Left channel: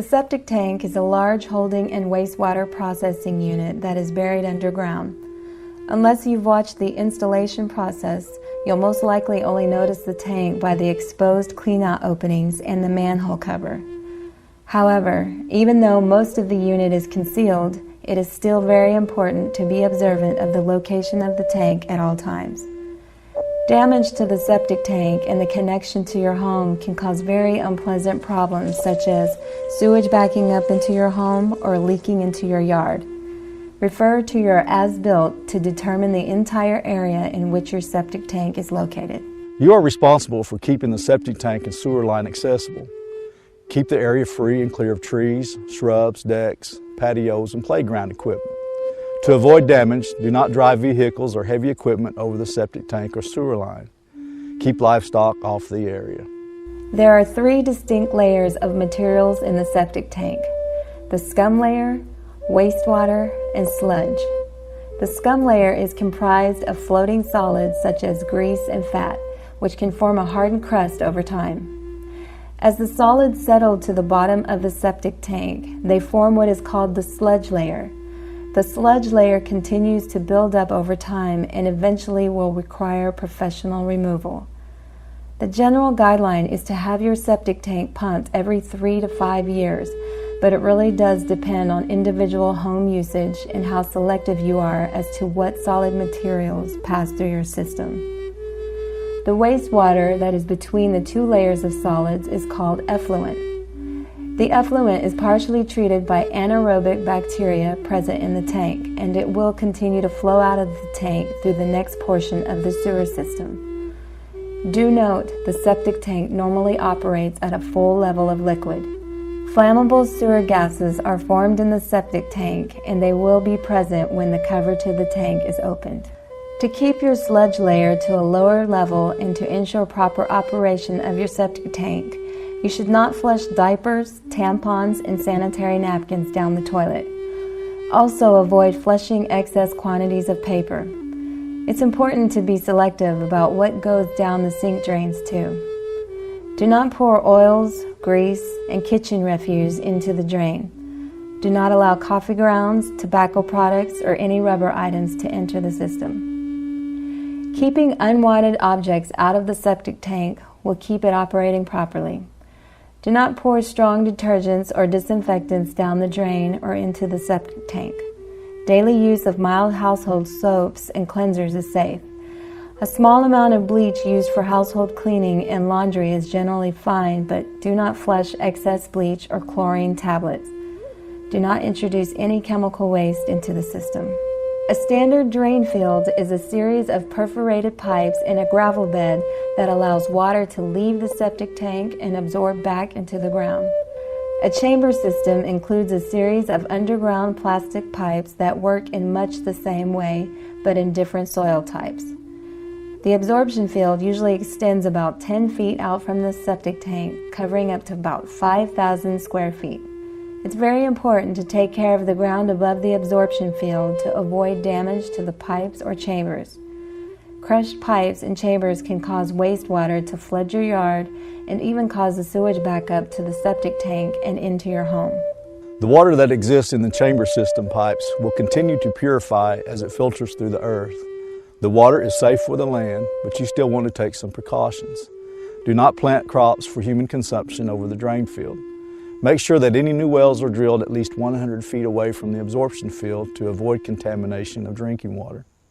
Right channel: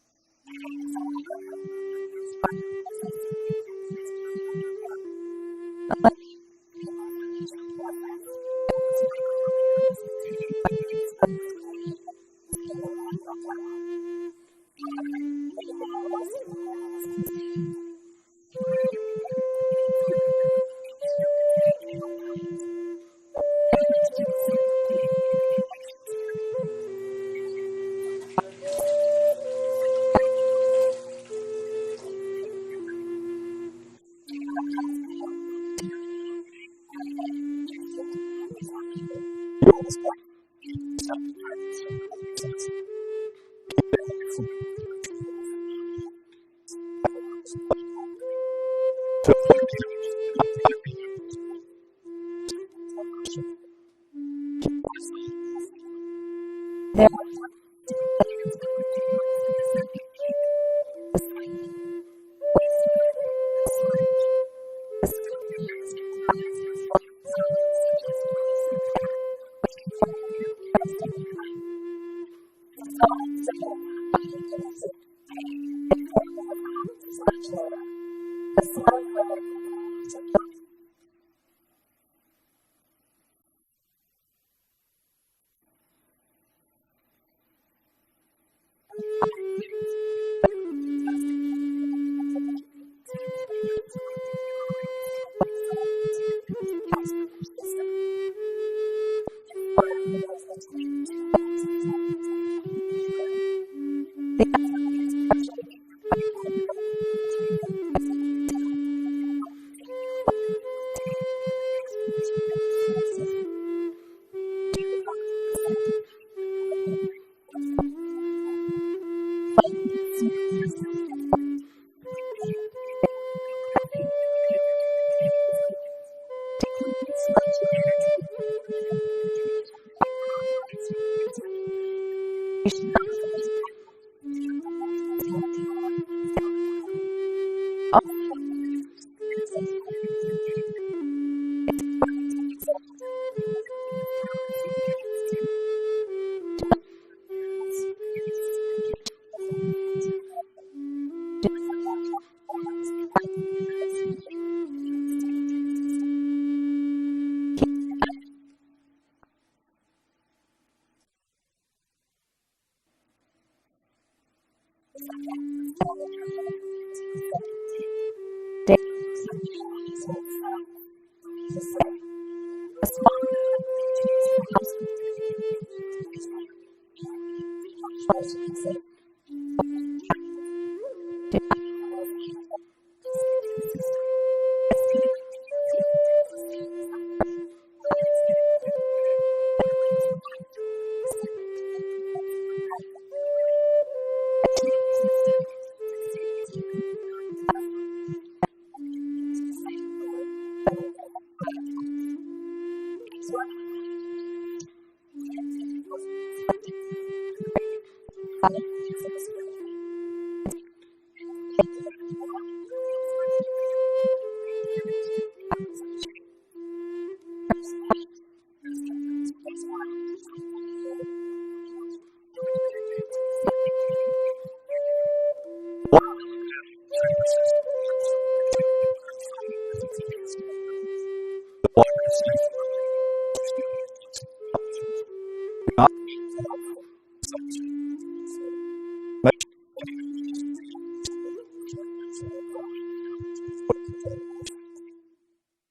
The septic tank is a large holding and wastewater processing unit that is buried underground. Unless you've watched the installation process, you'll most likely only notice the tank by the exposed cleanout openings and the manhole cover. However, even though most of the unit is concealed, it is still very important to be observant of the location of the tank at all times. Damage to the septic tank and the connection to your home can cause very unpleasant problems such as sewage backing up into your home or leaking into your yard. Refer to your as-built to determine the entire area in which your septic tank is located. You are responsible for keeping the septic tank and sewer line accessible. Keep the area free and clear of trees, shrubs, decks, patios, and playground equipment. To avoid damage, do not drive vehicles or heavy equipment over the septic tank or sewer line. Keep livestock off the area. There are 3 distinct layers of materials in the septic tank: the scum layer, wastewater, and sludge. The scum layer is comprised of floating solids such as grease and fat, which can form a hardened crust over time. As the solids settle to the bottom of the septic tank, they form what is called the sludge layer. The sludge layer continues to build up over time and eventually will require professional removal. The general guideline is to have your septic tank pumped every 3 to 5 years, but it really does depend on individual home usage and how selective you are as to what solid materials pass through your system. The wastewater that is between the 2 layers of solids is called effluent. The effluent is partially treated by anaerobic bacteria present in the tank, and it will continue to flow out of the tank through the next portion of the sewer system. Do note the septic tank normally operates at a full level of liquid. Flammable sewer gases are formed in the septic tank, and they will be present when the cover to the tank is opened. To keep your sludge layer to a lower level and to ensure proper operation of your septic tank, you should not flush diapers, tampons, and sanitary napkins down the toilet. Also, avoid flushing excess quantities of paper. It's important to be selective about what goes down the sink drains too. Do not pour oils, grease, and kitchen refuse into the drain. Do not allow coffee grounds, tobacco products, or any rubber items to enter the system. Keeping unwanted objects out of the septic tank will keep it operating properly. Do not pour strong detergents or disinfectants down the drain or into the septic tank. Daily use of mild household soaps and cleansers is safe. A small amount of bleach used for household cleaning and laundry is generally fine, but do not flush excess bleach or chlorine tablets. Do not introduce any chemical waste into the system. A standard drain field is a series of perforated pipes in a gravel bed that allows water to leave the septic tank and absorb back into the ground. A chamber system includes a series of underground plastic pipes that work in much the same way, but in different soil types. The absorption field usually extends about 10 feet out from the septic tank, covering up to about 5,000 square feet. It's very important to take care of the ground above the absorption field to avoid damage to the pipes or chambers. Crushed pipes and chambers can cause wastewater to flood your yard and even cause the sewage backup to the septic tank and into your home. The water that exists in the chamber system pipes will continue to purify as it filters through the earth. The water is safe for the land, but you still want to take some precautions. Do not plant crops for human consumption over the drain field. Make sure that any new wells are drilled at least 100 feet away from the absorption field to avoid contamination of drinking water.